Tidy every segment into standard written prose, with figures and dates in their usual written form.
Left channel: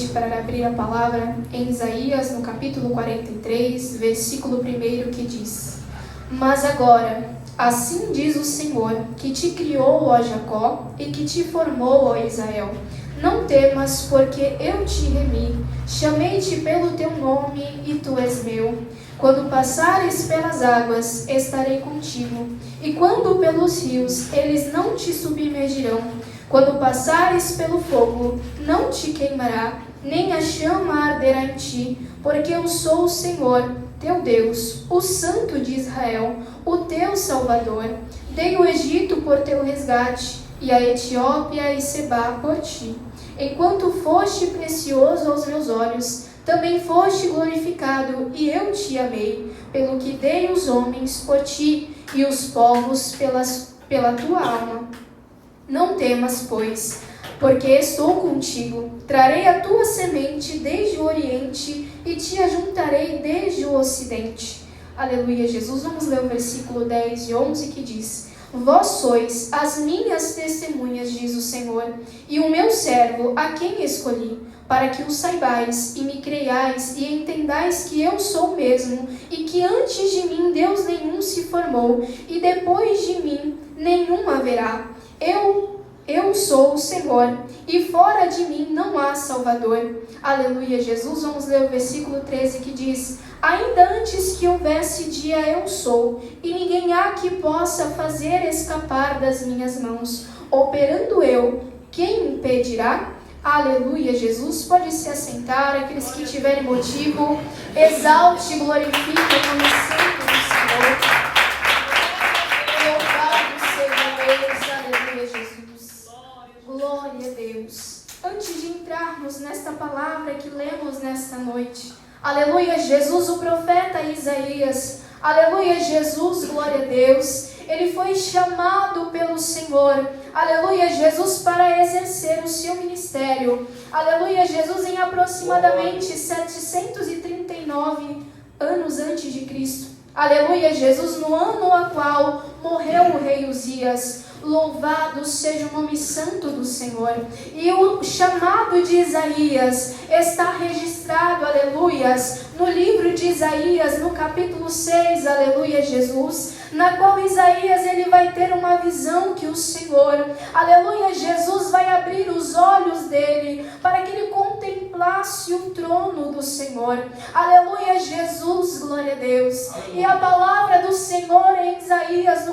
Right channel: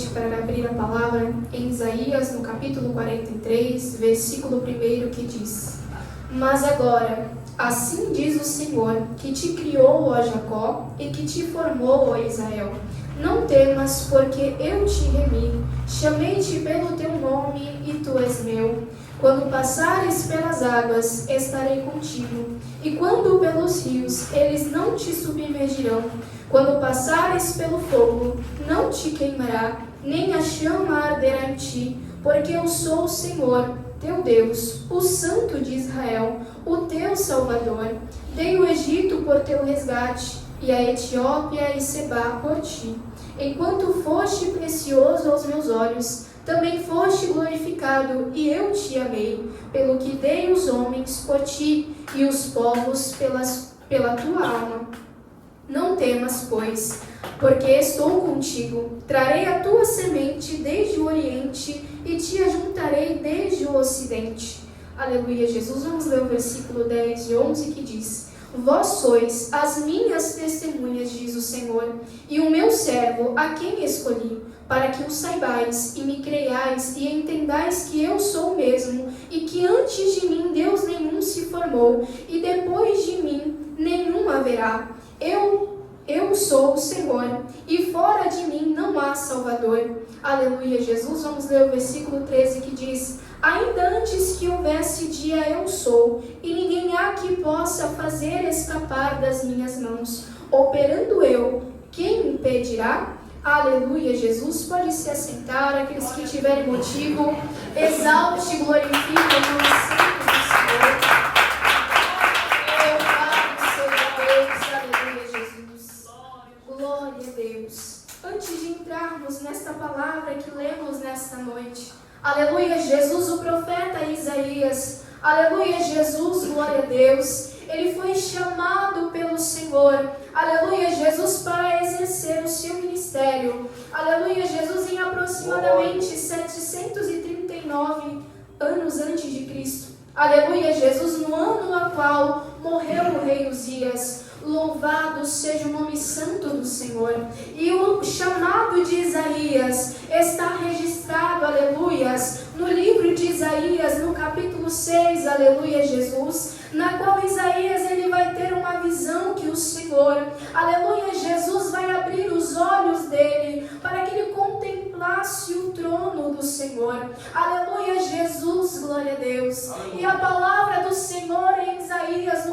noite para abrir a palavra em Isaías, no capítulo 43, versículo 1, que diz: Mas agora, assim diz o Senhor, que te criou, ó Jacó, e que te formou, ó Israel. Não temas, porque eu te remi, chamei-te pelo teu nome, e tu és meu. Quando passares pelas águas, estarei contigo, e quando pelos rios, eles não te submergirão. Quando passares pelo fogo, não te queimará, nem a chama arderá em ti, porque eu sou o Senhor, teu Deus, o Santo de Israel, o teu Salvador. Dei o Egito por teu resgate, e a Etiópia e Sebá por ti. Enquanto foste precioso aos meus olhos, também foste glorificado, e eu te amei, pelo que dei os homens por ti, e os povos pela tua alma. Não temas, pois, porque estou contigo. Trarei a tua semente desde o Oriente, e te ajuntarei desde o Ocidente. Aleluia, Jesus. Vamos ler o versículo 10 e 11, que diz: Vós sois as minhas testemunhas, diz o Senhor, e o meu servo, a quem escolhi, para que o saibais e me creiais e entendais que eu sou mesmo, e que antes de mim Deus nenhum se formou, e depois de mim nenhum haverá. Eu sou o Senhor, e fora de mim não há Salvador. Aleluia, Jesus. Vamos ler o versículo 13, que diz: Ainda antes que houvesse dia eu sou, e ninguém há que possa fazer escapar das minhas mãos. Operando eu, quem impedirá? Aleluia, Jesus. Pode se assentar. Aqueles que tiverem motivo, exalte e glorifique o nome santo do Senhor. Glória a Deus. Antes de entrarmos nesta palavra que lemos nesta noite, aleluia, Jesus, o profeta Isaías, aleluia, Jesus, glória a Deus, ele foi chamado pelo Senhor, aleluia, Jesus, para exercer o seu ministério, aleluia, Jesus, em aproximadamente 739 anos antes de Cristo, aleluia, Jesus, no ano a qual morreu o rei Uzias. Louvado seja o nome santo do Senhor. E o chamado de Isaías está registrado, aleluias, no livro de Isaías, no capítulo 6, aleluia, Jesus, na qual Isaías ele vai ter uma visão que o Senhor, aleluia, Jesus vai abrir os olhos dele para que ele contemplasse o trono do Senhor, aleluia, Jesus, glória a Deus. E a palavra do Senhor em Isaías,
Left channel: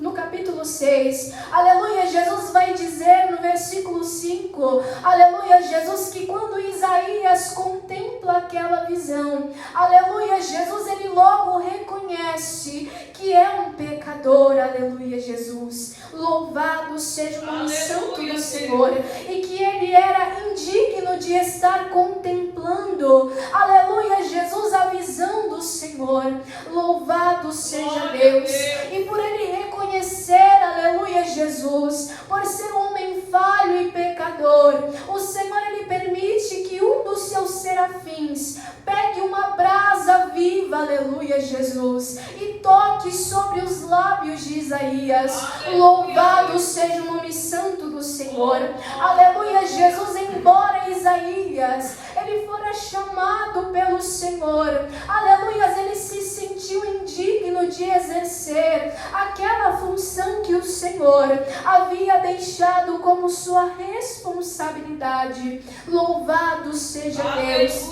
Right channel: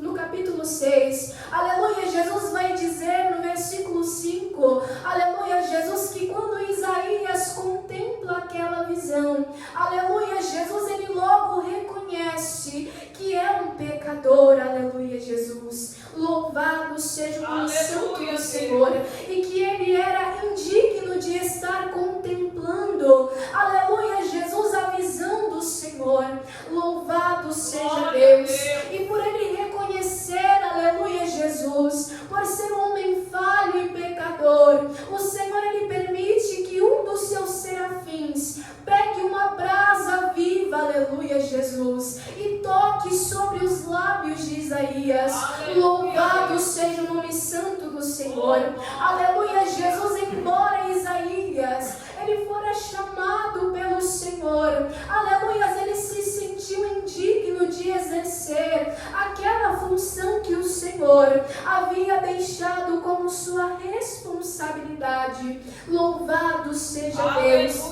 no capítulo 6, aleluia, Jesus vai dizer no versículo 5, aleluia, Jesus, que quando Isaías contempla aquela visão, aleluia, Jesus, ele logo reconhece que é um pecador, aleluia, Jesus, louvado seja o nome santo do Senhor, e que ele era indigno de estar contemplando, aleluia, Jesus, a visão do Senhor, louvado seja Deus, e por ele reconhecer, aleluia, Jesus, por ser um homem falho e pecador, o Senhor, ele permite que um dos seus serafins pegue uma brasa viva, aleluia, Jesus, e toque sobre os lábios de Isaías. Louvado seja o nome santo do Senhor, aleluia, Jesus. Embora Isaías ele fora chamado pelo Senhor, aleluia, ele se sentiu indigno de exercer aquela função que o Senhor havia deixado como sua responsabilidade. Louvado seja Deus.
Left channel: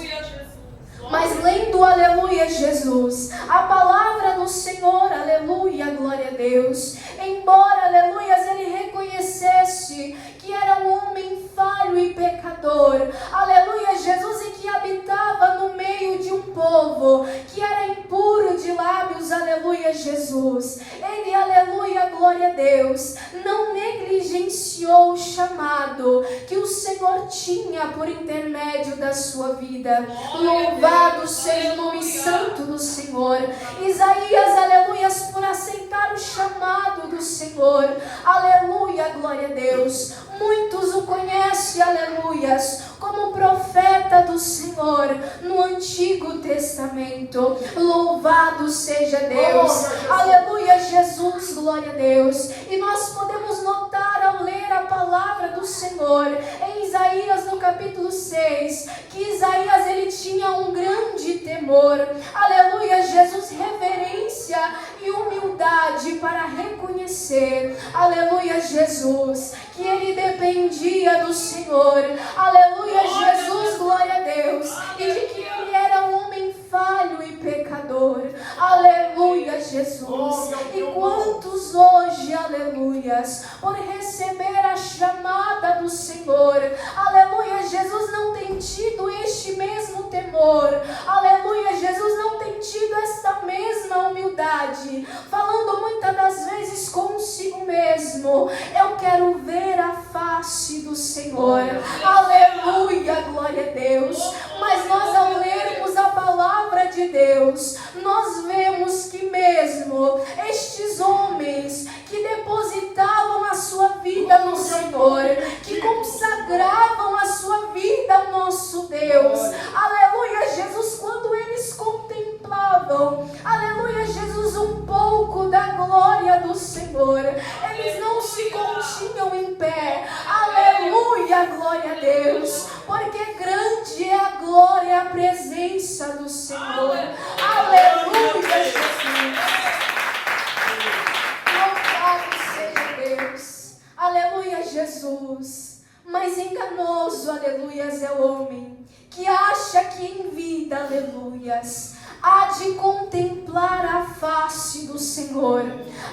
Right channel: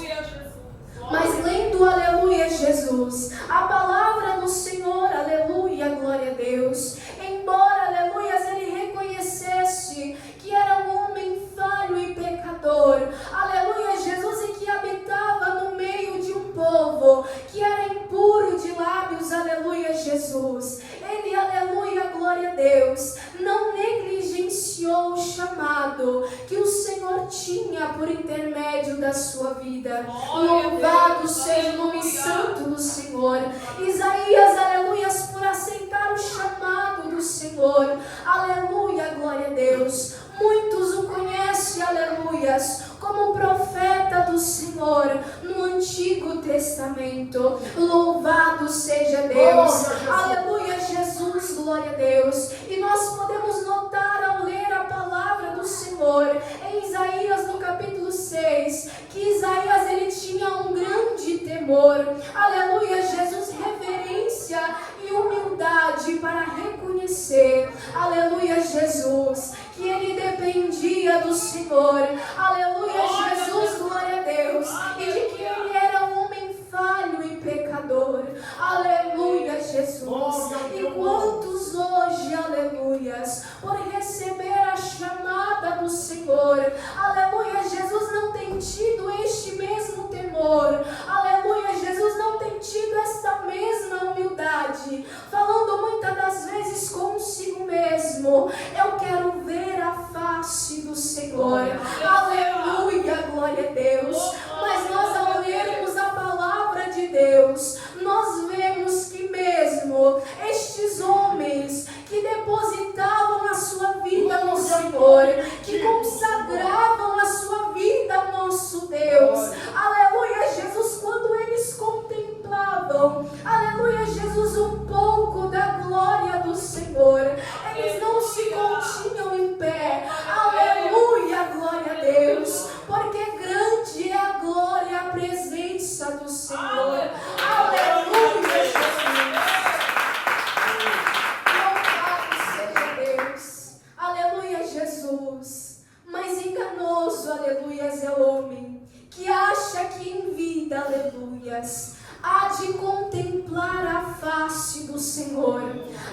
Mas lendo, aleluia, Jesus, a palavra do Senhor, aleluia, glória a Deus, embora, aleluia, ele reconhecesse que era um homem falho e pecador, aleluia, Jesus, e que habitava no meio de um povo que era impuro de lábios, aleluia, Jesus, ele, aleluia, glória a Deus, não negligenciou o chamado que o Senhor tinha por intermédio da sua vida. Louvado seja o nome santo do Senhor. Isaías, aleluia, por aceitar o chamado do Senhor, aleluia, glória a Deus. Muitos o conhecem, aleluias, como profeta do Senhor no Antigo Testamento. Louvado seja Deus, aleluia, Jesus, glória a Deus. E nós podemos notar ao ler a palavra do Senhor em Isaías Isaías no capítulo 6, que Isaías ele tinha um grande temor, aleluia, Jesus, reverência e humildade para reconhecer, aleluia, Jesus, que ele dependia do Senhor, aleluia, Jesus, glória a Deus, e de que ele era um homem falho e pecador, aleluia, Jesus. E quantos hoje, aleluias, por receber a chamada do Senhor, aleluia, Jesus, não tem tido este mesmo temor, aleluia, Jesus, não tem tido esta mesma humildade, falando muitas das vezes consigo mesmo, eu quero ver a face do Senhor, aleluia, glória a Deus. Mas nós, ao lermos a palavra de Deus, nós vemos que mesmo estes homens que depositavam a sua vida no Senhor, que consagravam a sua vida ao nosso Deus, aleluia, Jesus, quando eles contemplavam, aleluia, Jesus, um pouco da glória do Senhor, eles não se continham em pé, aleluia, glória a Deus, porque grande é a glória e a presença do Senhor, aleluia, Jesus. Louvado seja Deus, aleluia, Jesus. Mas enganoso, aleluias, é o homem que acha que em vida, aleluias, há de contemplar a face do Senhor,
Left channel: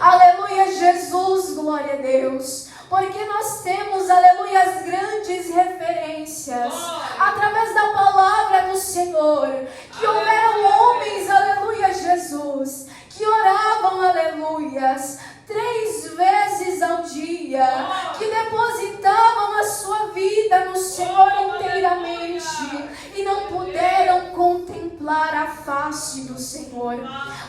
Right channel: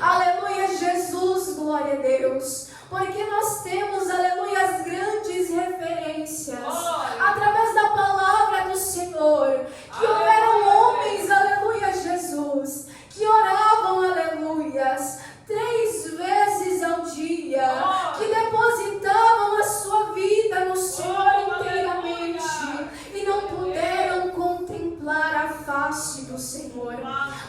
aleluia, Jesus, glória a Deus, porque nós temos, aleluia, as grandes referências, através da palavra do Senhor, que houveram homens, aleluia, Jesus, que oravam, aleluias, 3 vezes ao dia, que depositavam a sua vida no Senhor inteiramente, e não puderam contemplar a face do Senhor,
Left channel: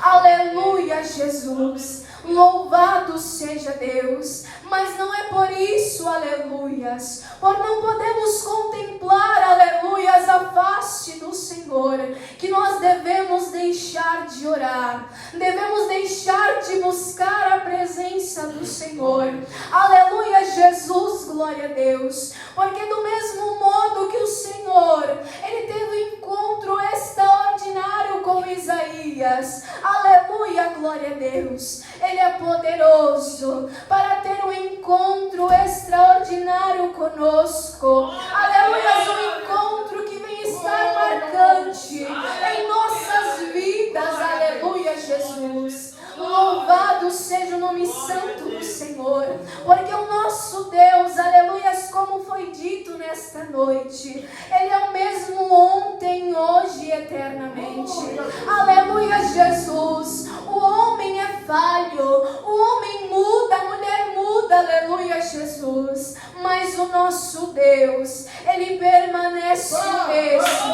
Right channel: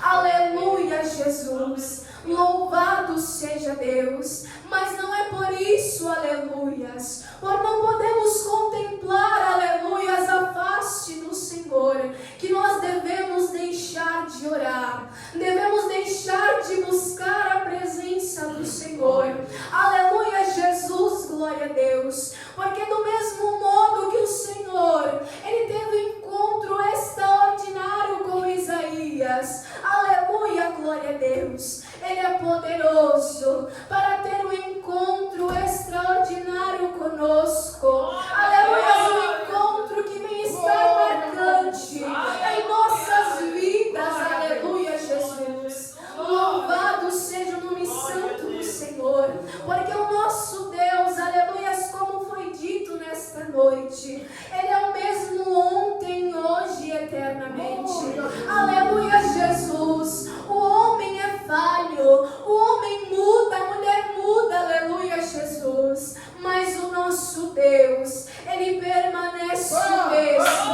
aleluia, Jesus, louvado seja Deus. Mas não é por isso, aleluias, por não podemos contemplar, aleluias, a face do Senhor, que nós devemos deixar de orar, devemos deixar de buscar a presença do Senhor, aleluia, Jesus, glória a Deus, porque do mesmo modo que o Senhor, ele teve um encontro extraordinário com Isaías, aleluia, glória a Deus, ele é poderoso para ter um encontro extraordinário conosco, aleluia, um encontro que vem estar marcante em nossas vidas, aleluia, Jesus, louvado seja o nome santo do Senhor, porque o nosso Deus, aleluia, como foi dito nesta noite, ele é o mesmo ontem, hoje e eternamente, aleluia, Jesus. O homem é falho, o homem muda, a mulher muda, aleluia, Jesus, mas o nosso Deus, ele permanece o mesmo,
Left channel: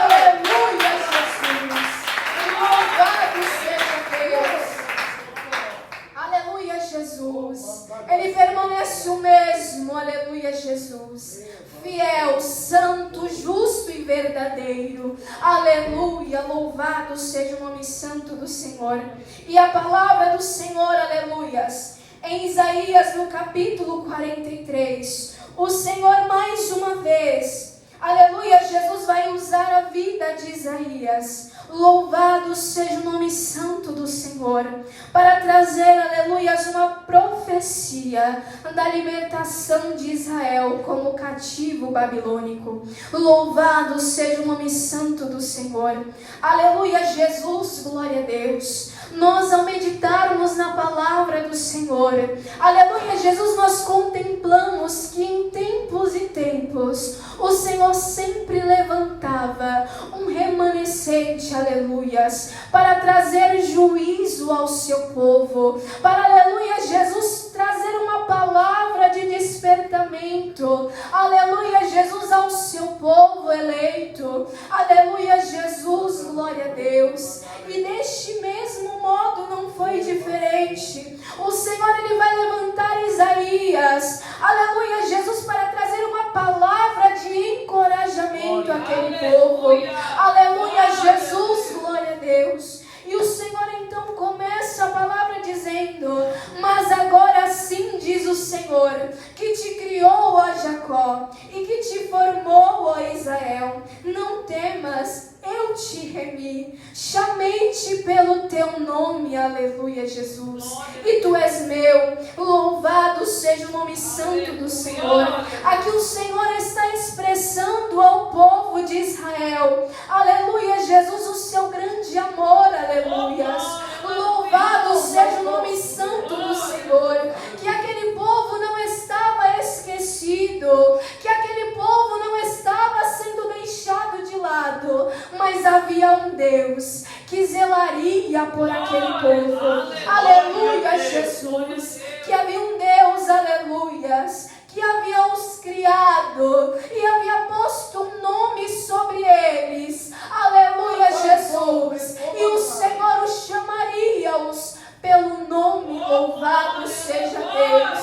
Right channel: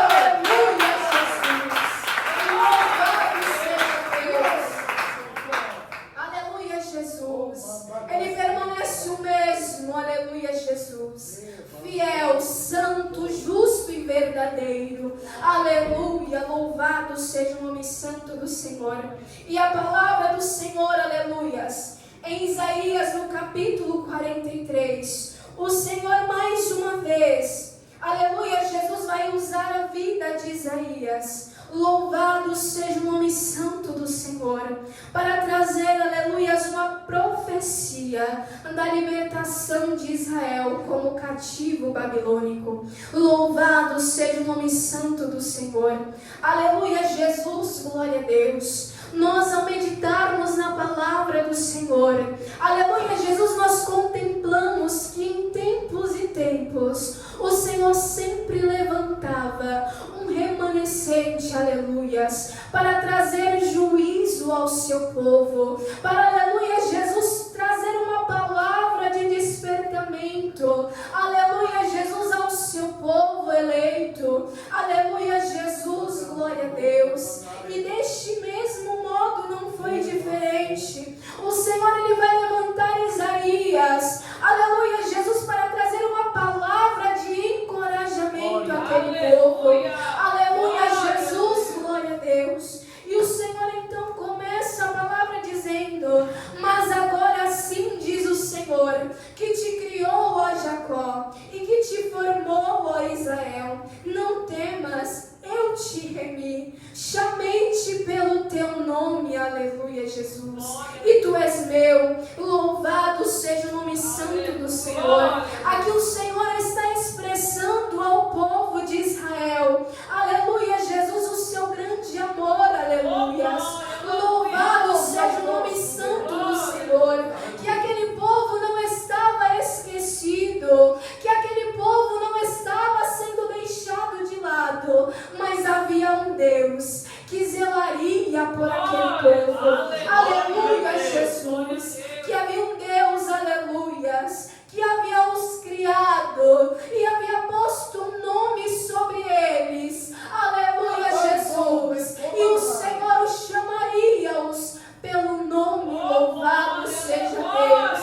aleluia, Jesus, louvado seja Deus, aleluia, Jesus, ele permanece o mesmo, aleluia, Jesus, fiel, santo, justo e verdadeiro, aleluia, louvado seja o nome santo do Senhor. E a palavra do Senhor, aleluias, em Isaías no capítulo 43, o Senhor mais uma vez, aleluia, Jesus vai usar a vida de Isaías, louvado seja o nome santo do Senhor, para trazer, aleluia, uma profecia da libertação de Israel como cativo babilônico. Louvado seja o nome santo do Senhor, aleluia, Jesus, glória a Deus. Nós, ao meditarmos na palavra do Senhor, aleluia, Jesus, nós contemplamos que em tempos e tempos o Senhor sempre levantava um remanescente, aleluias, para trazer juízo ao seu povo, para, aleluia, Jesus, trazer uma palavra de despertamento, aleluia, Jesus, ao seu povo eleito, aleluia, Jesus, glória a Deus. E deste mesmo modo não foi diferente. O Senhor, ele vai levantar Isaías, aleluia, Jesus, para trazer uma palavra de encorajamento àquele povo, aleluia, Jesus, glória a Deus. E o Senhor então começa a palavra dizendo: mas agora sim diz o Senhor, que te criou, ó Jacó, e que te formou, ó Israel. Não temas, eu te remi, chamei-te pelo teu nome, aleluia, Jesus. E tu és meu, louvado seja o nome santo do Senhor. Aqui o Senhor está expressando ao povo de Israel, aleluia, Jesus, o seu grande amor, aleluias. Louvado seja o nome santo do Senhor. Que aquele povo não estava esquecido, que aquele povo não estava sendo deixado de lado, mas havia um Deus que zelaria por aquele povo. Aleluia, Jesus. Que havia um Deus, aleluias, que havia os criado e havia posto um nome sobre eles. Aleluia, Jesus. E o Senhor os chamaria-os pelo nome. Louvado seja Deus.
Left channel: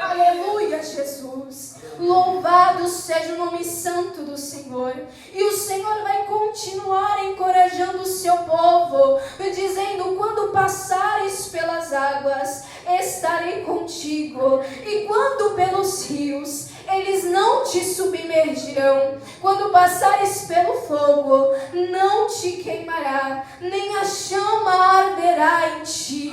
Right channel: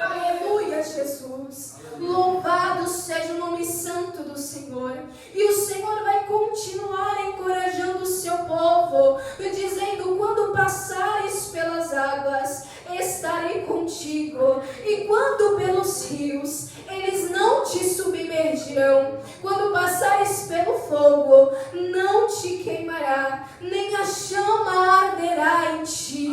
Aleluia, Jesus. Louvado seja o nome santo do Senhor. E o Senhor vai continuar encorajando o seu povo, dizendo: quando passares pelas águas, estarei contigo. E quando pelos rios, eles não te submergirão. Quando passares pelo fogo, não te queimará, nem a chama arderá em ti.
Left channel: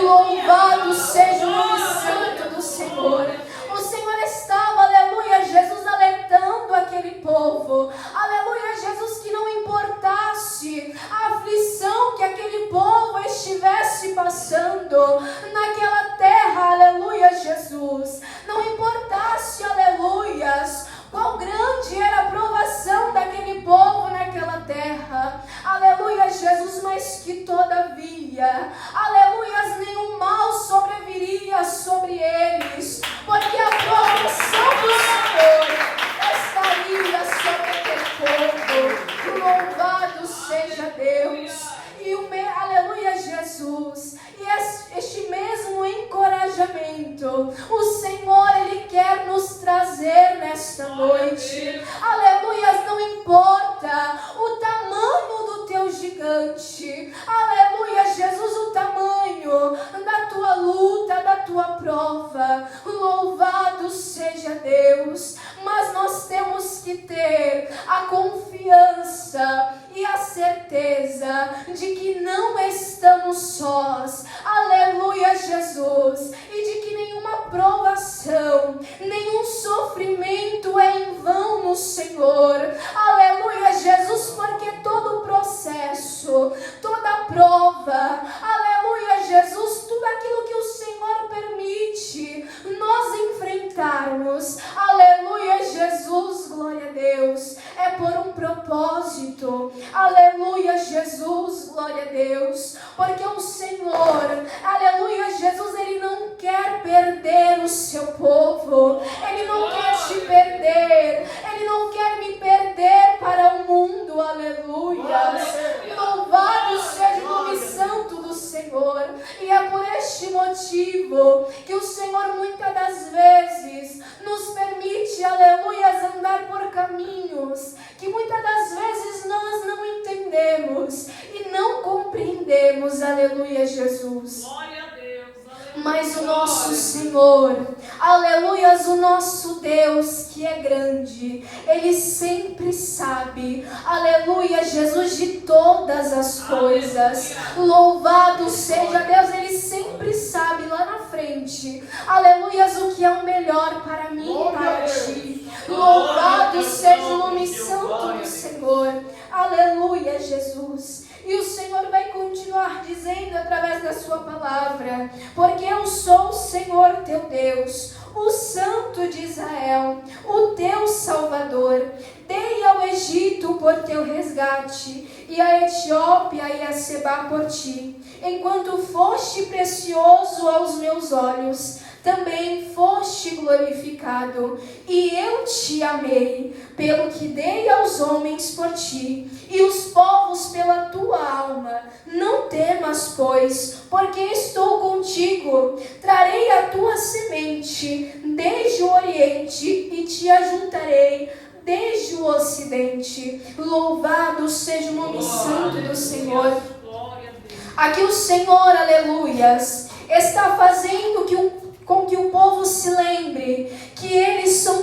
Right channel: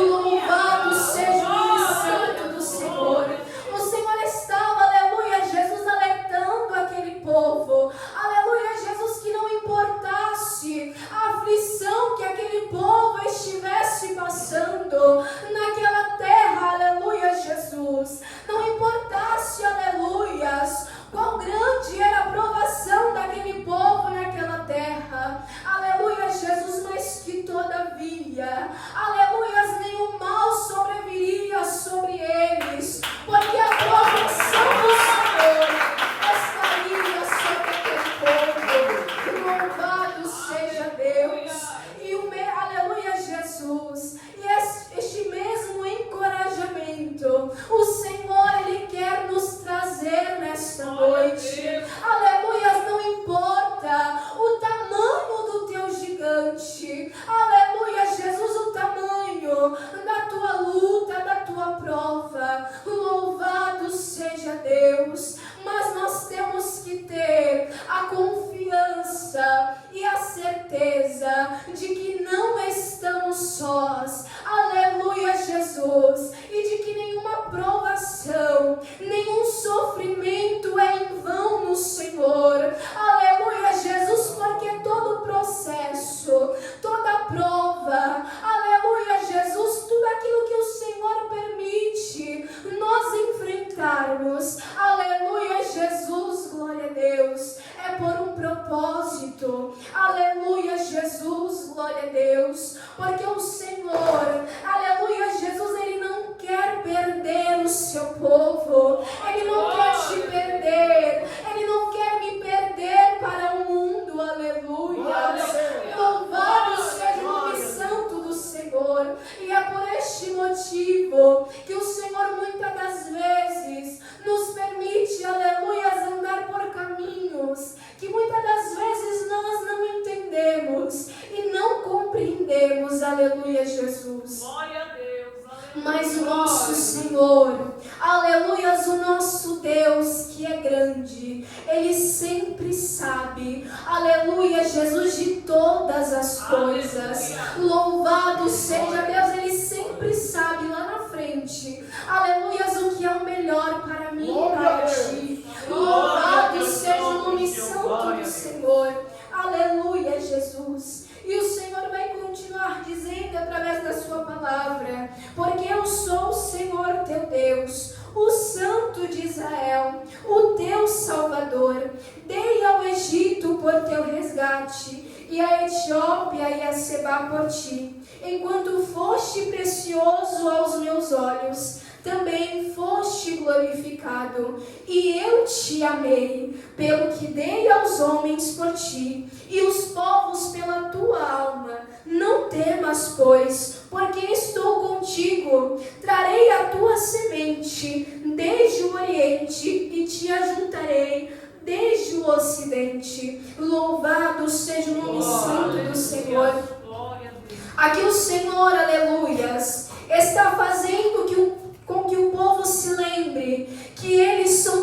Louvado seja o nome santo do Senhor. O Senhor estava, aleluia, Jesus, alertando aquele povo, aleluia, Jesus, que não importasse a aflição que aquele povo estivesse passando naquela terra, aleluia, Jesus, não importasse, aleluias, quão grande era a provação daquele povo naquela terra, aleluia, Jesus, mas que todavia, aleluia, nenhum mal sobreviria sobre eles, porque a proteção do Senhor estaria sobre aquele povo. Louvado seja Deus. Aleluia, Jesus. E este mesmo encorajamento o Senhor, Ele quer nos trazer nesta noite. Aleluia, não importa o tamanho do teu gigante. Aleluia, Jesus, o tamanho da tua luta, da tua prova. Louvado seja Deus. Mas nós temos que ter a confiança e a certeza de que não estamos sós. Aleluia, Jesus. E de que nenhuma provação, nenhum sofrimento é em vão no Senhor. Aleluia, Jesus, porque todo processo, toda prova, aleluia, Jesus, tudo aquilo que o Senhor permite nós enfrentarmos, aleluia, Jesus, glória a Deus, é por um propósito. Aleluia, Jesus, glória a Deus, porque o Senhor, aleluia, Jesus, Ele não quer perder o seu povo, Ele não quer te perder, Ele não quer me perder para o mundo, aleluia. Louvado seja o nome santo do Senhor. E é por este motivo que o Senhor muitas das vezes nos permite, aleluia, andar por caminhos que muitas das vezes nós não entendemos e não compreendemos, aleluia, Jesus. Glória a Deus. Mas o nosso Senhor, aleluia, o nosso Deus que é grande, Ele sempre sabe, aleluia, Jesus, de todas as coisas. Louvado seja Deus, Ele sempre sabe lá na frente, aleluia, o que é o melhor para mim e para ti. Louvado seja o nome santo do Senhor. Aleluia, Jesus. E o Senhor vai continuar dizendo através da sua palavra: porque eu sou o Senhor teu Deus, o Santo de Israel, o teu Salvador. Dei ao Egito por teu resgate, e a Etiópia e a Sebá por ti. Enquanto foste precioso aos meus olhos, também foste glorificado, e eu te amei, pelo que dei aos homens por ti, e os povos pela tua alma. Não temas, pois, porque estou contigo. Trarei a tua semente desde o Oriente, e te ajuntarei desde o Ocidente. Louvado seja o nome santo do Senhor. Aqui o Senhor, aleluias, está fazendo com que o povo se lembre que eles são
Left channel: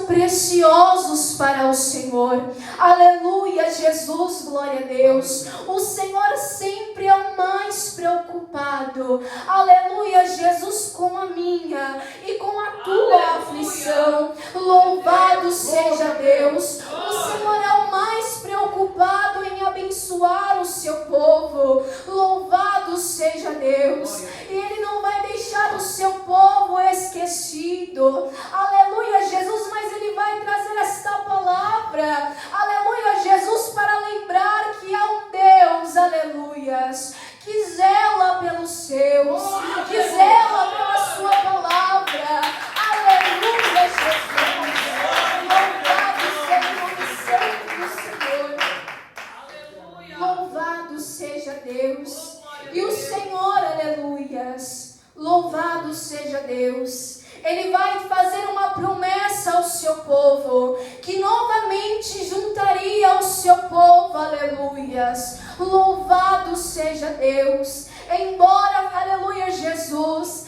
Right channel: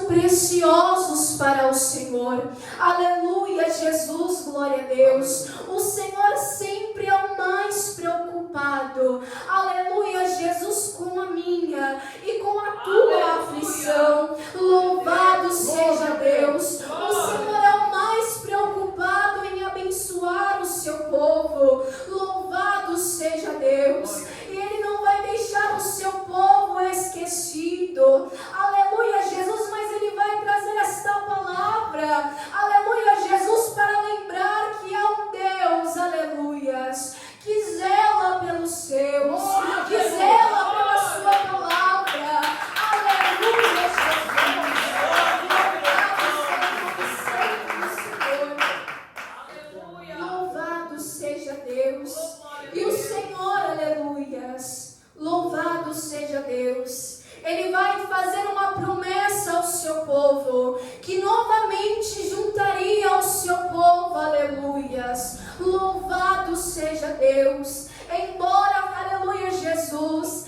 preciosos para o Senhor. Aleluia, Jesus, glória a Deus. O Senhor sempre é o mais preocupado. Aleluia, Jesus, com a minha e com a tua aflição. Louvado seja Deus. O Senhor é o mais preocupado em abençoar o seu povo. Louvado seja Deus. E Ele não vai deixar o seu povo esquecido. Aleluia, Jesus, mas Ele vai trazer esta palavra. Aleluia, Jesus, para lembrar que há um Deus, aleluias, que zela pelos seus, que zela pela sua palavra. Aleluia, Jesus. Louvado seja Deus. E o Senhor, aleluias, louvado seja Deus. Ele vai fazer uma promessa ao seu povo, que novamente juntaria ao seu povo, aleluias. Louvado seja Deus. Embora, aleluia, Jesus,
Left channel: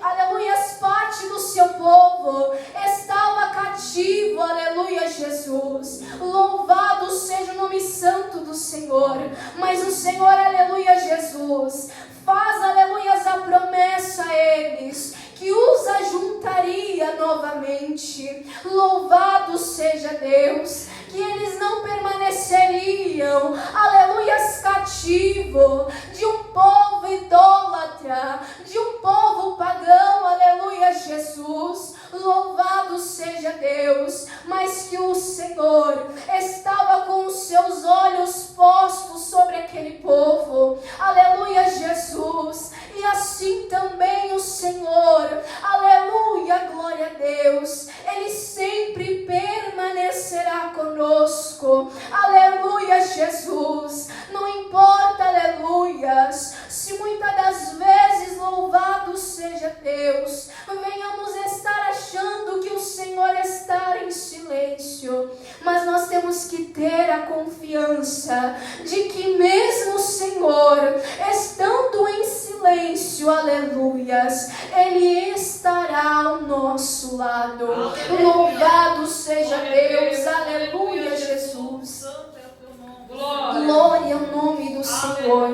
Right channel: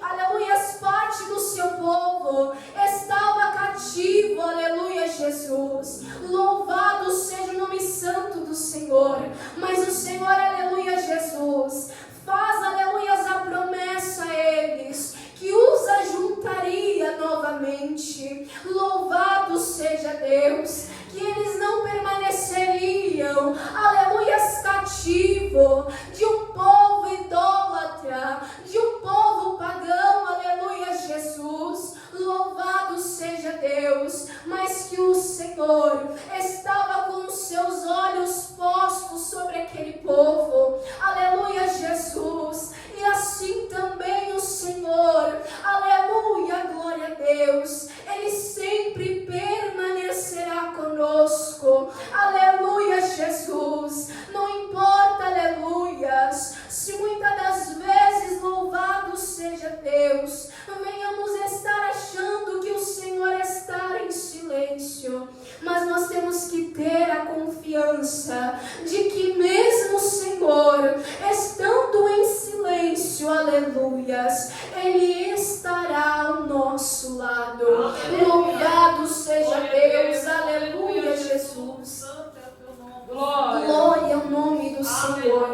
aleluias, parte do seu povo estava cativo, aleluia, Jesus. Louvado seja o nome santo do Senhor. Mas o Senhor, aleluia, Jesus, faz, aleluias, a promessa a eles, que os ajuntaria novamente. Louvado seja Deus, que eles não permaneceriam, aleluias, cativo de um povo idólatra, de um povo pagão, aleluia, Jesus. Louvado seja Deus, mas que o Senhor estava com os seus olhos postos sobre aquele povo, aleluia, Jesus. E assim também o Senhor, aleluia, glória a Deus, Ele sempre permanecerá conosco, aleluia, Jesus. Não importa, aleluias, se muitas das vezes, louvado seja Deus, venhamos estar achando que o Senhor está em silêncio, mas nós temos que ter a confiança de que mesmo o Senhor estando em silêncio, aleluias, Ele estará ao nosso lado. Louvado seja Deus, aleluia, Jesus. Glória ao nome do Senhor,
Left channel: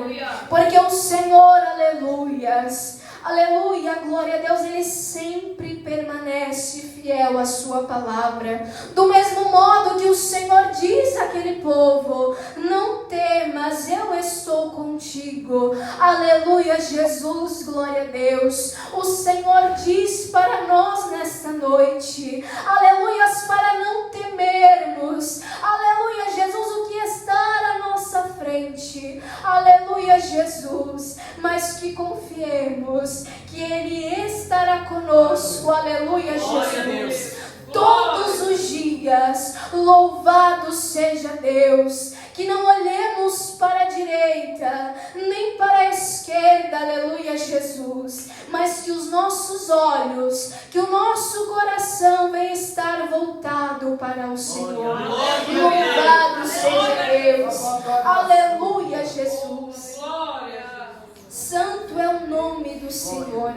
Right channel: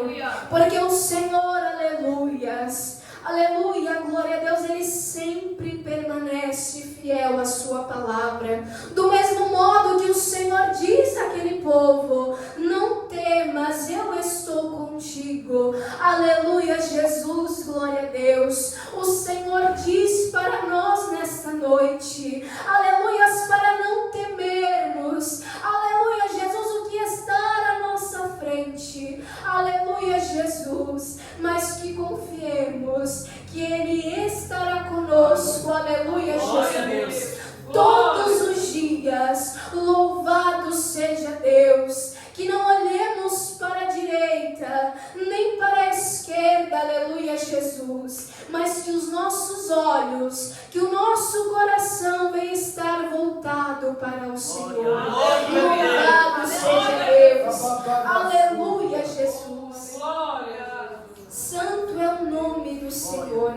porque o Senhor, aleluias, aleluia, glória a Deus, Ele sempre permanece fiel à sua palavra. Do mesmo modo que o Senhor diz àquele povo: não temas, eu estou contigo. Aleluia, Jesus, glória a Deus. O Senhor diz para nós nesta noite, aleluias, para não temermos, aleluia, Jesus, o que está à nossa frente, aleluia, Jesus, mas que confiemos que Ele estará conosco, aleluia, Jesus, todos os dias. Louvado seja Deus. Que não olhemos para a direita, nem para a esquerda, aleluia, Jesus, mas que os nossos olhos, que o nosso coração venha estar voltado para o Senhor. Louvado seja Deus, aleluia, Jesus. Santo é o nome do Senhor.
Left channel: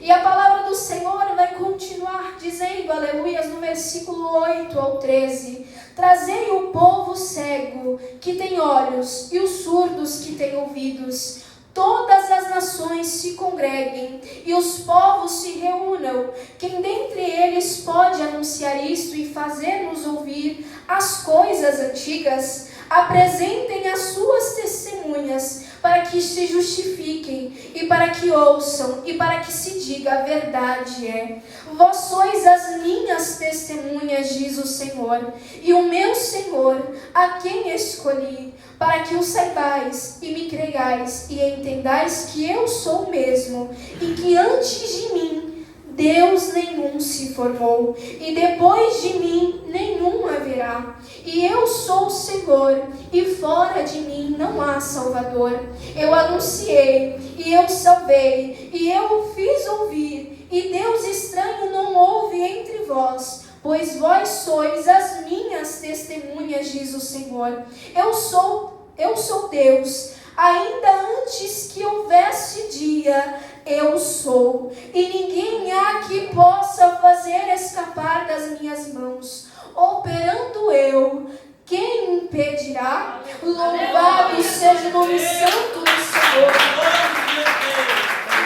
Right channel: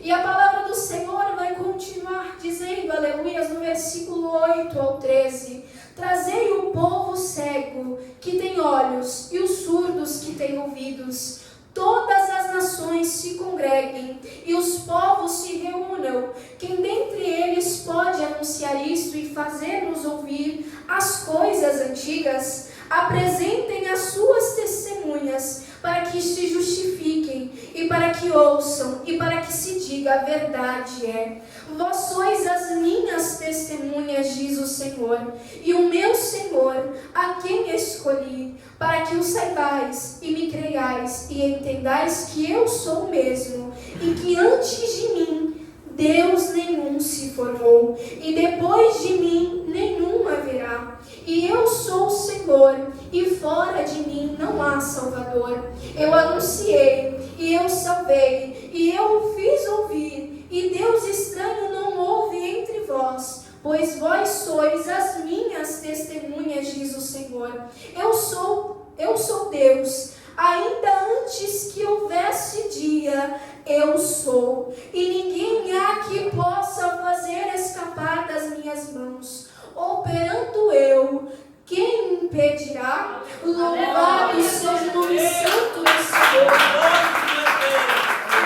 E a palavra do Senhor vai continuar dizendo, aleluia, no versículo 8 ao 13: trazei o povo cego que tem olhos e os surdos que têm ouvidos. Todas as nações se congreguem e os povos se reúnam. Quem dentre eles pode anunciar isto e fazer-nos ouvir as coisas antigas? Apresentem as suas testemunhas, para que se justifiquem, e para que ouçam, e para que se diga: a verdade é. Vós sois as minhas testemunhas, diz o Senhor, e o meu Senhor, a quem escolhi, para que o saibais e me creiais, e entendais que eu sou o mesmo, e que antes de mim Deus nenhum se formou, e depois de mim nenhum haverá. E eu sou o Senhor, e fora de mim não há Salvador. Eu anunciei, e eu salvei, e eu o fiz ouvir, e Deus estranho não houve entre vós, pois vós sois as minhas testemunhas, diz o Senhor. Eu sou Deus, ainda antes que houvesse dia, eu sou, e ninguém há que possa fazer escapar das minhas mãos. operando eu, quem impedirá? Louvado seja o nome santo do Senhor.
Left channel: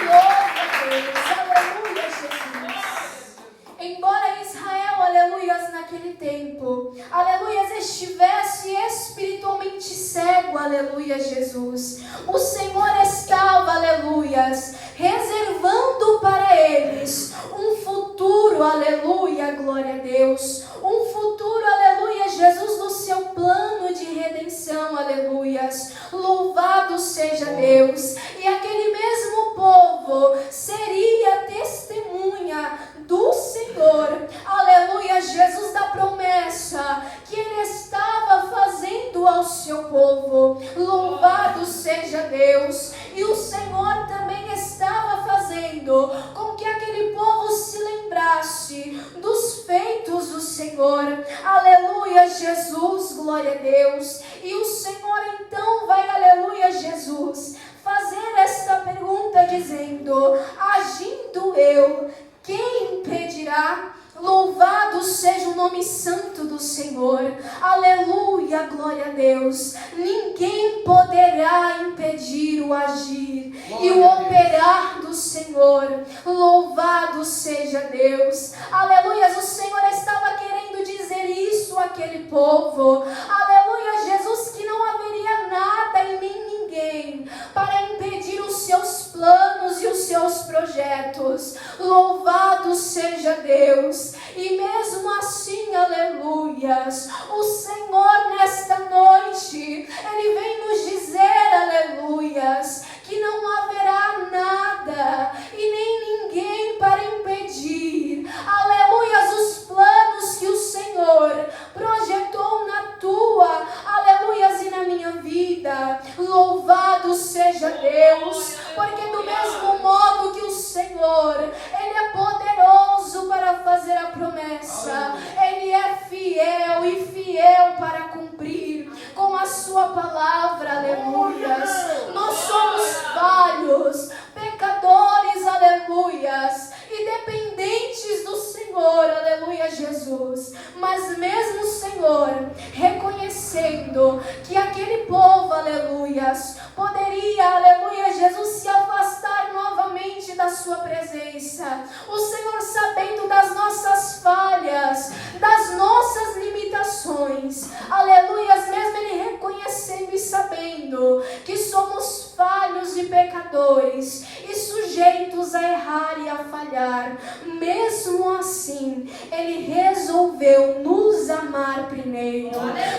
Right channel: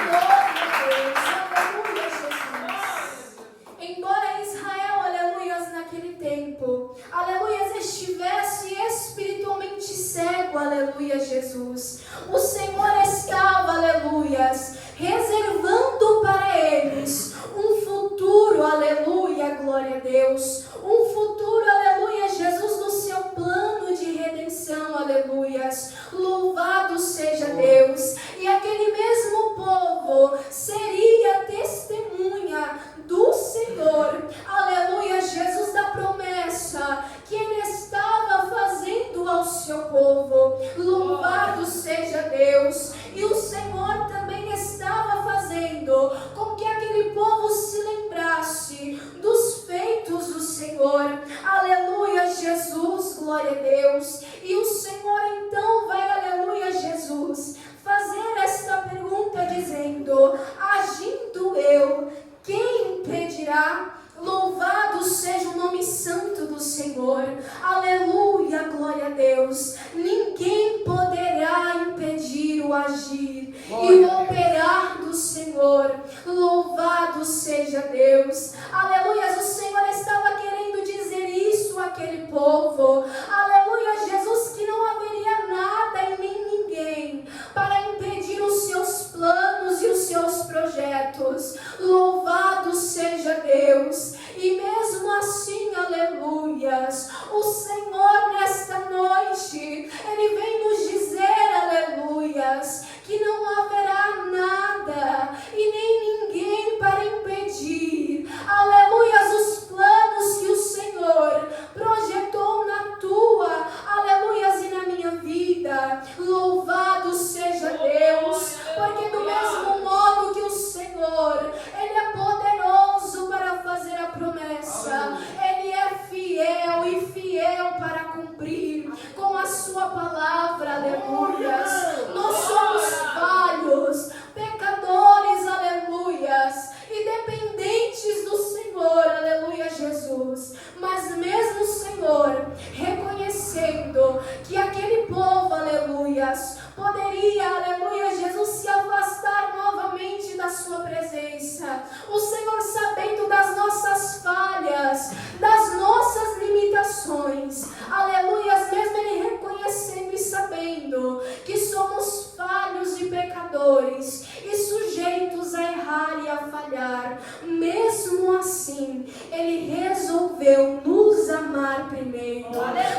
Glória a Deus. Aleluia, Jesus. Embora Israel, aleluias, naquele tempo, aleluias, estivesse espiritualmente cego, aleluia, Jesus, o Senhor estava, aleluias, reservando para eles um futuro, aleluia, glória a Deus, um futuro, aleluia, Jesus, no seu plano de redenção, aleluias, louvado seja Deus. E aquele mesmo povo seria testemunha do Senhor, aleluia, Jesus, da promessa que Ele estava fazendo ao seu povo, louvado seja Deus. E o Senhor também estava fazendo com que aquele povo se lembrasse dos feitos do Senhor, aleluia, Jesus, glória a Deus. E o Senhor então vai, aleluia, Jesus, fazer esta pergunta dizendo: agindo eu, quem impedirá? Louvado seja o nome santo do Senhor, aleluia, glória a Deus. Ninguém poderá impedir o agir e o operar do Senhor, louvado seja Deus, aleluia. O Senhor estava querendo dizer isso àquele povo, aleluia, Jesus, que não haveria nada e nem ninguém para impedir os seus planos e os seus projetos, louvado seja Deus. E mesmo assim, aleluias, o Senhor nesta noite, Ele vem nos dizer, aleluias, que não haverá nada e nem ninguém para impedir, aleluias, os planos que o Senhor projetou na tua, aleluias, e na minha vida, louvado seja Deus, porque do mesmo modo que o Senhor, Ele é poderoso para fazer a promessa, Ele é fiel e fiel para cumprir com a sua palavra, aleluias. Nós somos falhos, pecadores, aleluias, e dependentes do Senhor, aleluia, Jesus. Mas mesmo o Senhor reconhecendo que aquele povo, aleluias, poderia, aleluia, Jesus, se afastar novamente da sua presença, o Senhor, sabendo das nossas falhas, das nossas limitações, aleluia, mesmo Ele reconhecendo e sabendo que somos falhos e pecadores e sujeitos a errar e a falhar, mesmo assim Ele resolveu nos amar primeiro.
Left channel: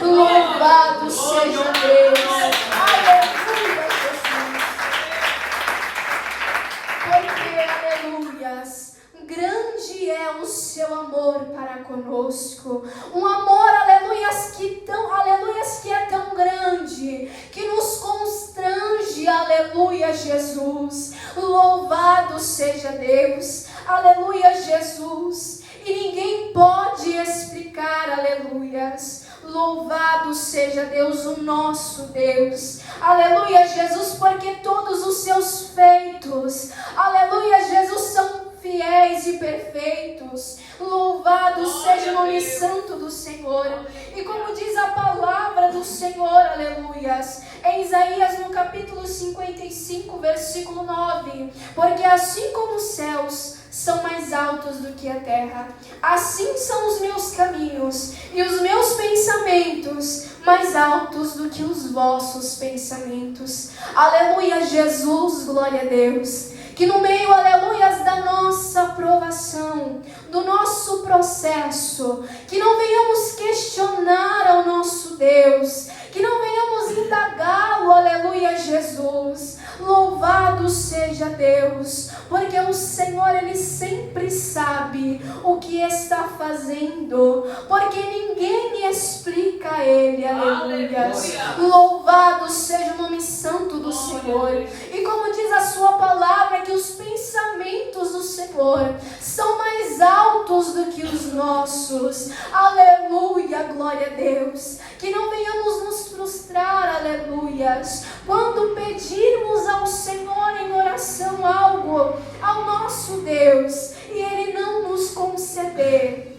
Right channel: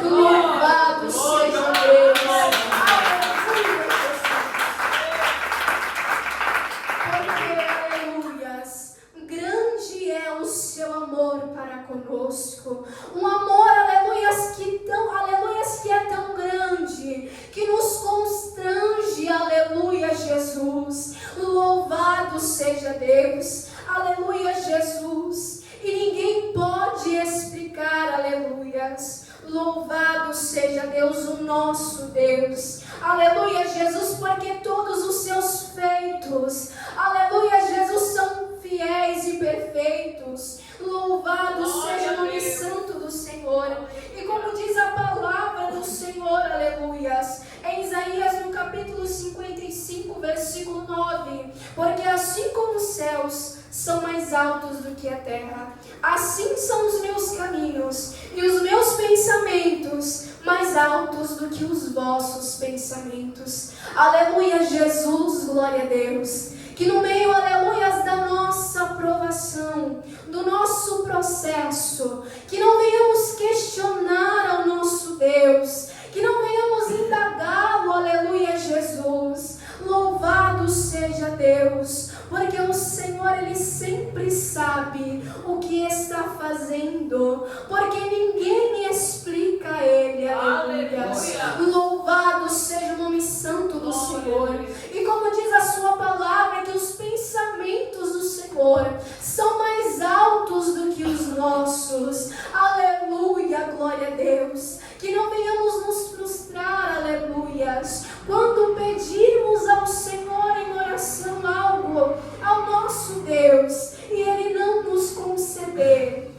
Louvado seja Deus, aleluia, porque, aleluias, grande é o seu amor para conosco, um amor, aleluias, que é tão grande, que nos constrange, aleluia, Jesus, louvado seja Deus, aleluia, Jesus, e ninguém pode explicar, aleluias, louvado seja Deus, o nosso Deus, aleluia, Jesus, porque todos os seus feitos, aleluia, Jesus, são fiéis e perfeitos, louvado seja o nome santo do Senhor. E como diz a palavra do Senhor, aleluias, em Isaías no capítulo 55, versículo 9, porque assim como os céus são mais altos do que a terra, assim são os meus caminhos e os meus pensamentos mais altos do que os vossos pensamentos. Aleluia, Jesus, glória a Deus. Que no meio, aleluias, da nossa aprovação, do nosso processo, que não venhamos questionar ao nosso Deus, que não venhamos indagá-lo, aleluia, Jesus. Louvado seja Deus, porque o Senhor, Ele sempre sabe o que está fazendo, porque ninguém explica a Ele, aleluia. Louvado seja o nome santo do Senhor. E como diz a sua palavra, que os pensamentos do Senhor são mais altos do que os nossos, aleluia, glória a Deus. Que não venhamos nos frustrar, aleluias, quando pedirmos ao Senhor em oração algo ao nosso Deus e Ele não nos conceder.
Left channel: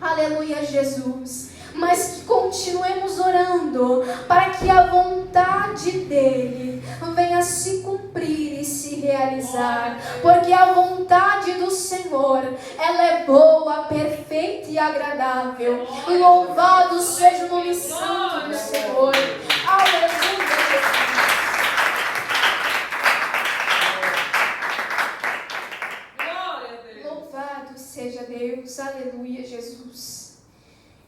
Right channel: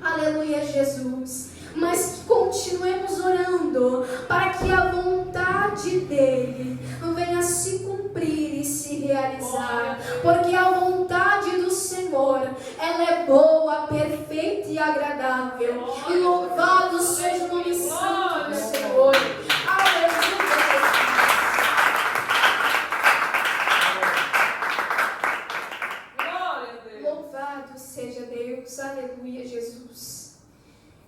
Aleluia, Jesus. realizar, porque a vontade do Senhor, ela é boa, perfeita e agradável. Louvado seja o nome santo do Senhor. Aleluia. Louvado seja Deus. Aleluia, Jesus.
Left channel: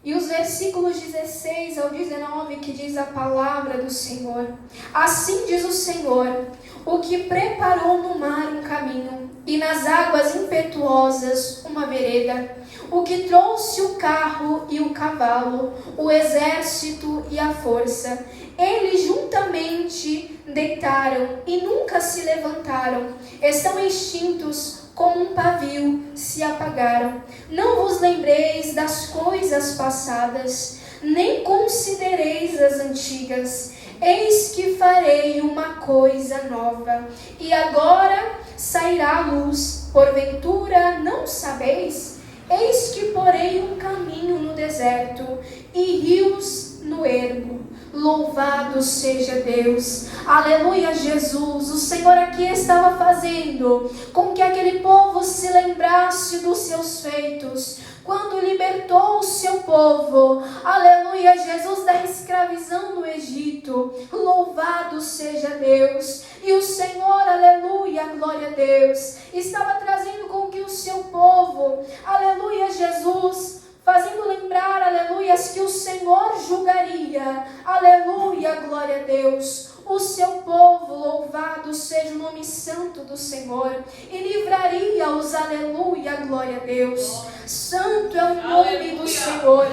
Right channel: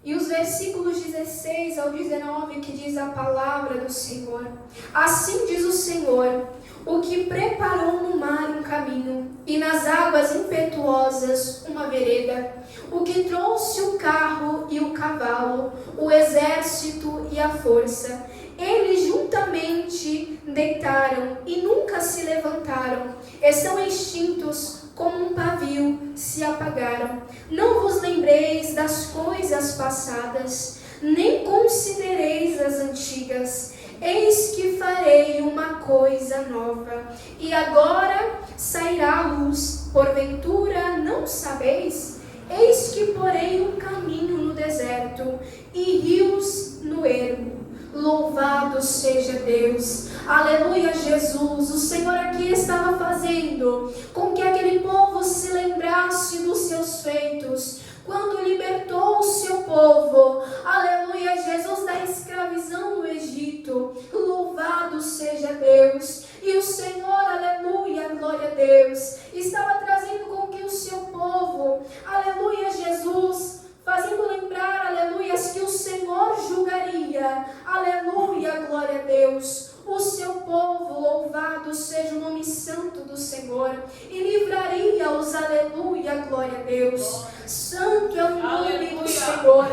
E os versículos 16 ao 19 que diz a palavra do Senhor. Assim diz o Senhor, o que preparou no mar um caminho, e nas águas impetuosas uma vereda, o que trouxe o carro e o cavalo, o exército e a força. Eles juntamente deitaram e nunca se levantaram, estão extintos como um pavio, se apagaram. Não vos lembreis das coisas passadas, nem considereis as antigas. Eis que farei uma coisa nova, e agora sairá a luz. Porventura não sabeis? Eis que porei um caminho no deserto, e rios no ermo. Louvado seja Deus. Aleluia, Jesus. O Senhor aqui estava fazendo com que aquele povo se lembrasse dos seus feitos, quando libertou o seu povo, aleluia, Jesus, da escravidão no Egito. Louvado seja Deus. E o Senhor, aleluia, glória a Deus, estava trazendo com que o seu povo, aleluia, Jesus, fazendo lembrar, aleluia, que o Senhor julgaria, aleluia, glória a Deus, o seu povo. Louvado seja o nome santo do Senhor, e livraria-os, aleluia, glória a Deus. Santo é o nome do Senhor.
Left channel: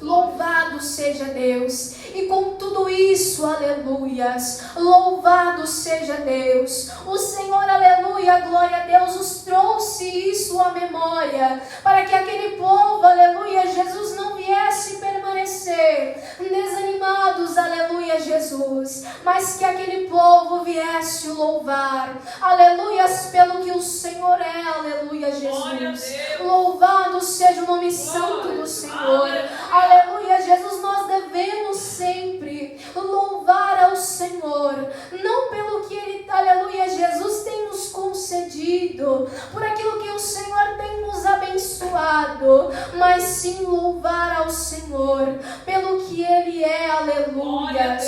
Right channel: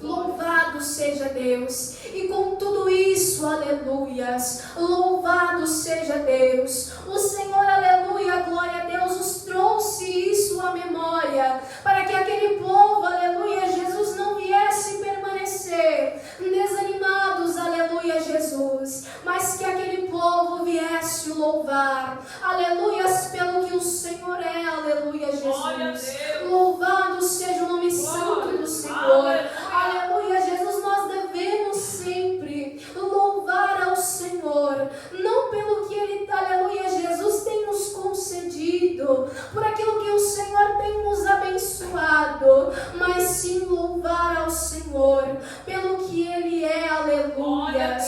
Louvado seja Deus. E com tudo isso, aleluias, louvado seja Deus. O Senhor, aleluia, glória a Deus, os trouxe isso à memória, para que aquele povo, aleluia, Jesus, não viesse permanecer desanimados, aleluia, Jesus, mas que aquele povo viesse louvar, aleluias, pelo que o Senhor é, aleluia, Jesus. Louvado seja o nome santo do Senhor. Aleluia, Jesus, nós devemos sempre louvar ao Senhor, não pelo que Ele, aleluia, Jesus, tem nos concedido, por aquilo que o Senhor tem nos abençoado, mas sim louvar ao Senhor pelo que Ele é, aleluia.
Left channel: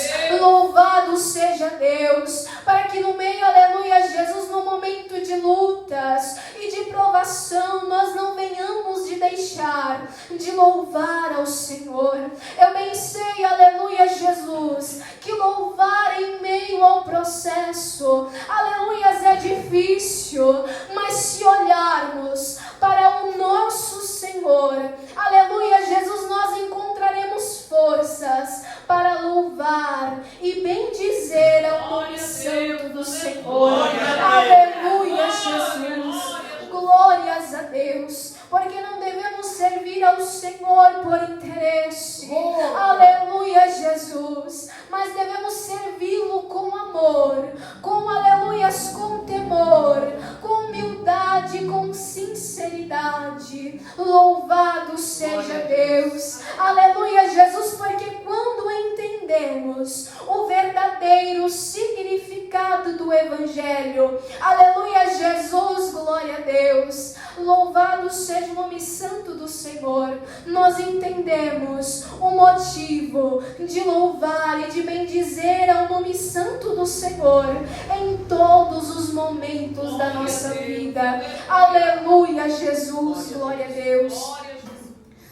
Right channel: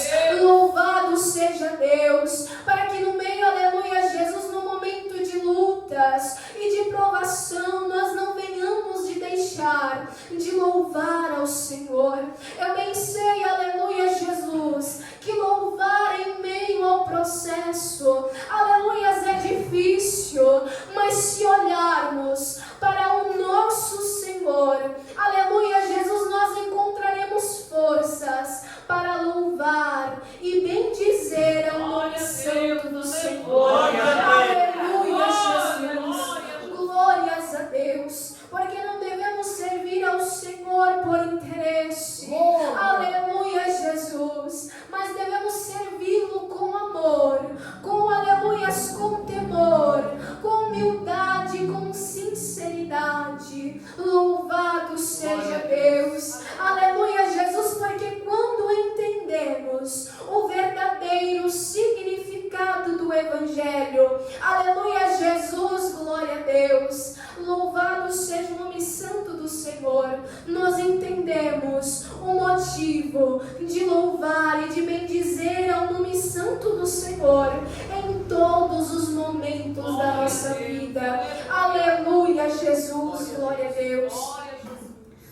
Louvado seja Deus, para que no meio, aleluia, Jesus, no momento de lutas e de provação, nós não venhamos de deixar de louvar ao Senhor. Eu bem sei, aleluia, Jesus, que louvar em meio ao processo, aleluia, é difícil, mas se olharmos para o nosso Senhor, aleluia, Jesus, nós encontraremos forças para louvar e bendizer ao nome santo do Senhor. Aleluia, Jesus. Glórias a Deus, porque não devemos servir ao Senhor por interesse, aleluia, Jesus, mas devemos servi-lo com amor, com aleluias, com temor, com humildade, com sinceridade. Louvado seja Deus, aleluia, Jesus, porque quando entendemos o verdadeiro significado do Evangelho, aleluia, Jesus, glória a Deus, louvado seja o nome santo do Senhor, nós entendemos o motivo de louvar e de bendizer ao nome santo do Senhor em todos os momentos da nossa vida. Aleluia, Jesus, glória a Deus.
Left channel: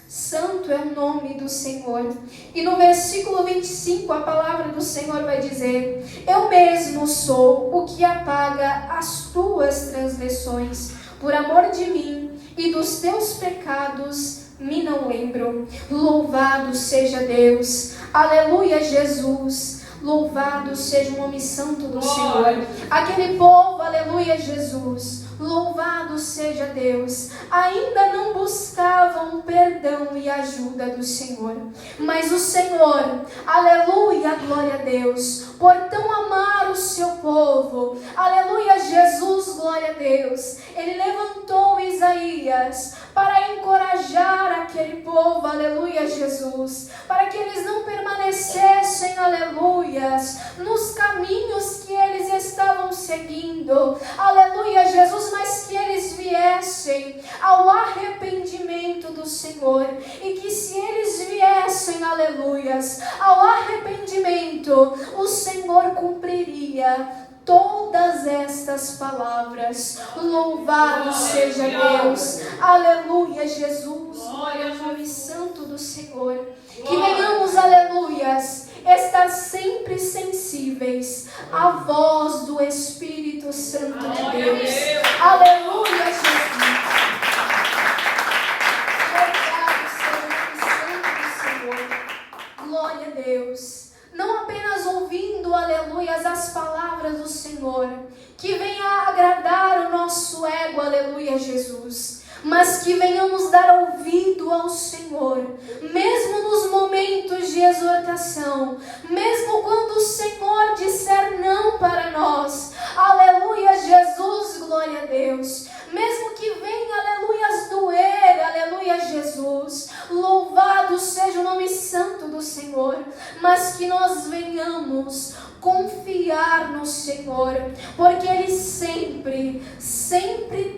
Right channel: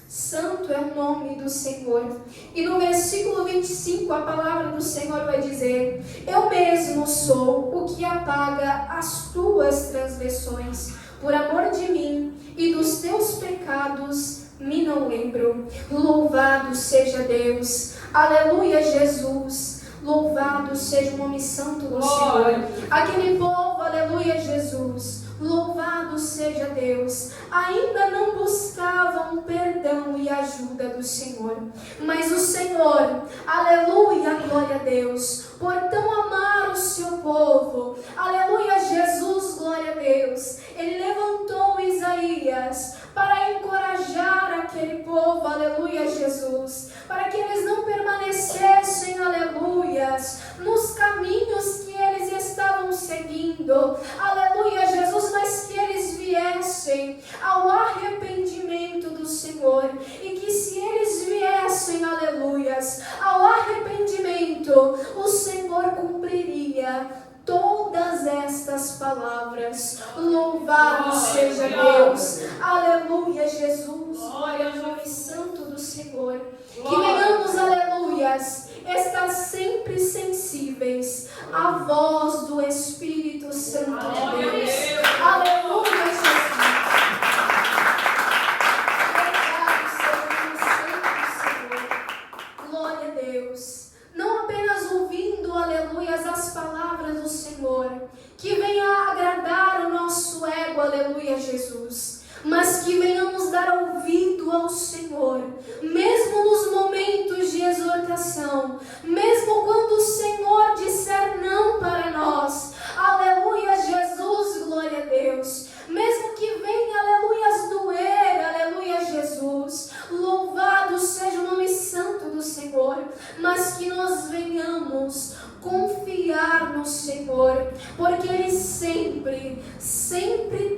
Santo é o nome do Senhor. E no versículo 25 a palavra do Senhor vai dizer: eu mesmo sou o que apaga as tuas transgressões, por amor de mim, e dos teus pecados me não lembro. Louvado seja Deus. Aleluia, Jesus. Louvado seja o nome santo do Senhor. Aquele povo, aleluia, Jesus, louvado seja Deus, ainda não buscavam perdão e ajuda do Senhor, mas o Senhor, aleluia, glória a Deus, por tão amar o seu povo, aleluia, Jesus, glória a Deus, Ele levantou Isaías para encorajar aquele povo, aleluia, Jesus, para que eles não permanecessem, aleluias, nos caminhos que eles estavam estavam seguindo, aleluia, Jesus, mas que eles viessem ao arrependimento do Senhor, e que se eles viessem, aleluias, ao arrependimento, o Senhor cumpriria todas estas palavras. Louvado seja Deus, aleluia, Jesus, glória ao nome santo do Senhor. Que venhamos, aleluias, estar sempre sensíveis à voz do Espírito Santo de Deus. Aleluia, Jesus. Louvado seja o nome santo do Senhor. Glória a Deus. Não apenas ouvindo, aleluias, as palavras do Senhor, que venha agradar o nosso ego, aleluia, Jesus, mas que venhamos dar ouvido ao Senhor, mesmo nos momentos de exortação, mesmo quando o Senhor disser não para nós, aleluia, Jesus, glória a Deus, mesmo que venha, aleluias, doer, aleluia, Jesus, louvado seja o nome santo do Senhor, mas que nós venhamos confiar no Senhor, porque Ele sempre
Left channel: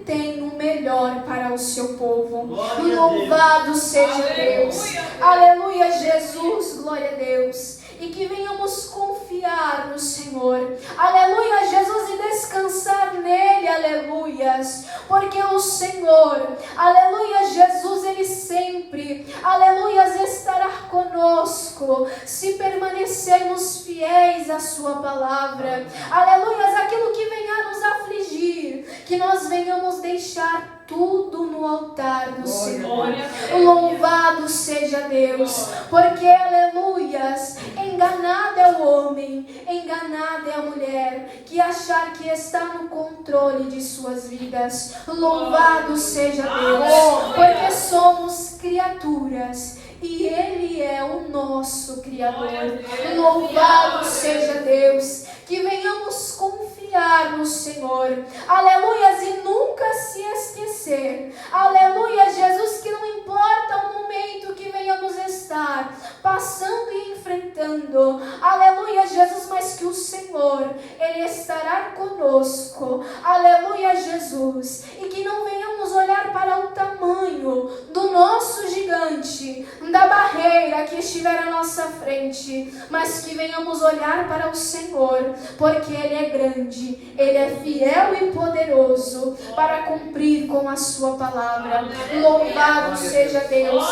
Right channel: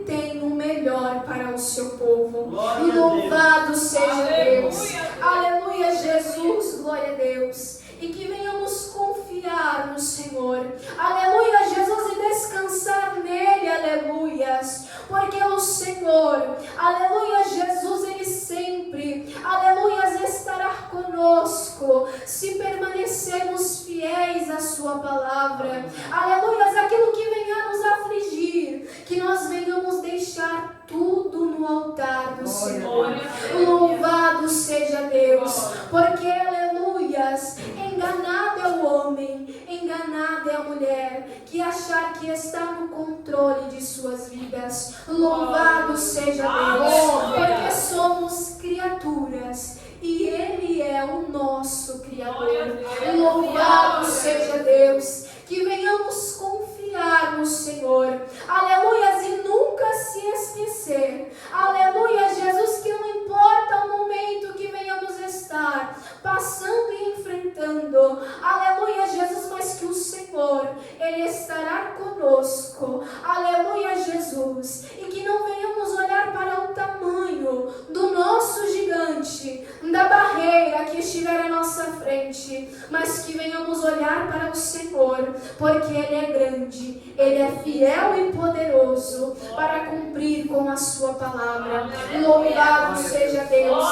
tem o melhor para o seu povo. Louvado seja Deus, aleluia, Jesus, glória a Deus. E que venhamos confiar no Senhor, aleluia, Jesus, e descansar nele, aleluias, porque o Senhor, aleluia, Jesus, Ele sempre, aleluias, estará conosco, se permanecermos fiéis à sua palavra, aleluias, aquilo que venha nos afligir, que nós venhamos deixar tudo no altar do Senhor. Louvado seja Deus, porque, aleluias, enganado é o homem, enganada é a mulher, que achar que está no controle de suas vidas. Louvado seja Deus, porque somos criaturas e Ele é o nosso Criador. Louvado seja Deus, que venhamos confiar no Senhor, aleluias, e nunca se esquecer, aleluia, Jesus, que não importa o momento que venhamos estar passando e enfrentando, aleluia, Jesus, mas que o Senhor, Ele estará conosco, aleluia, Jesus, e que não venhamos olhar para o tamanho do nosso gigante, da barreira que estiver à nossa frente, mas que venhamos olhar para o Senhor, porque Ele é grande, Ele é fiel e poderoso para cumprir com a sua palavra. Louvado seja Deus.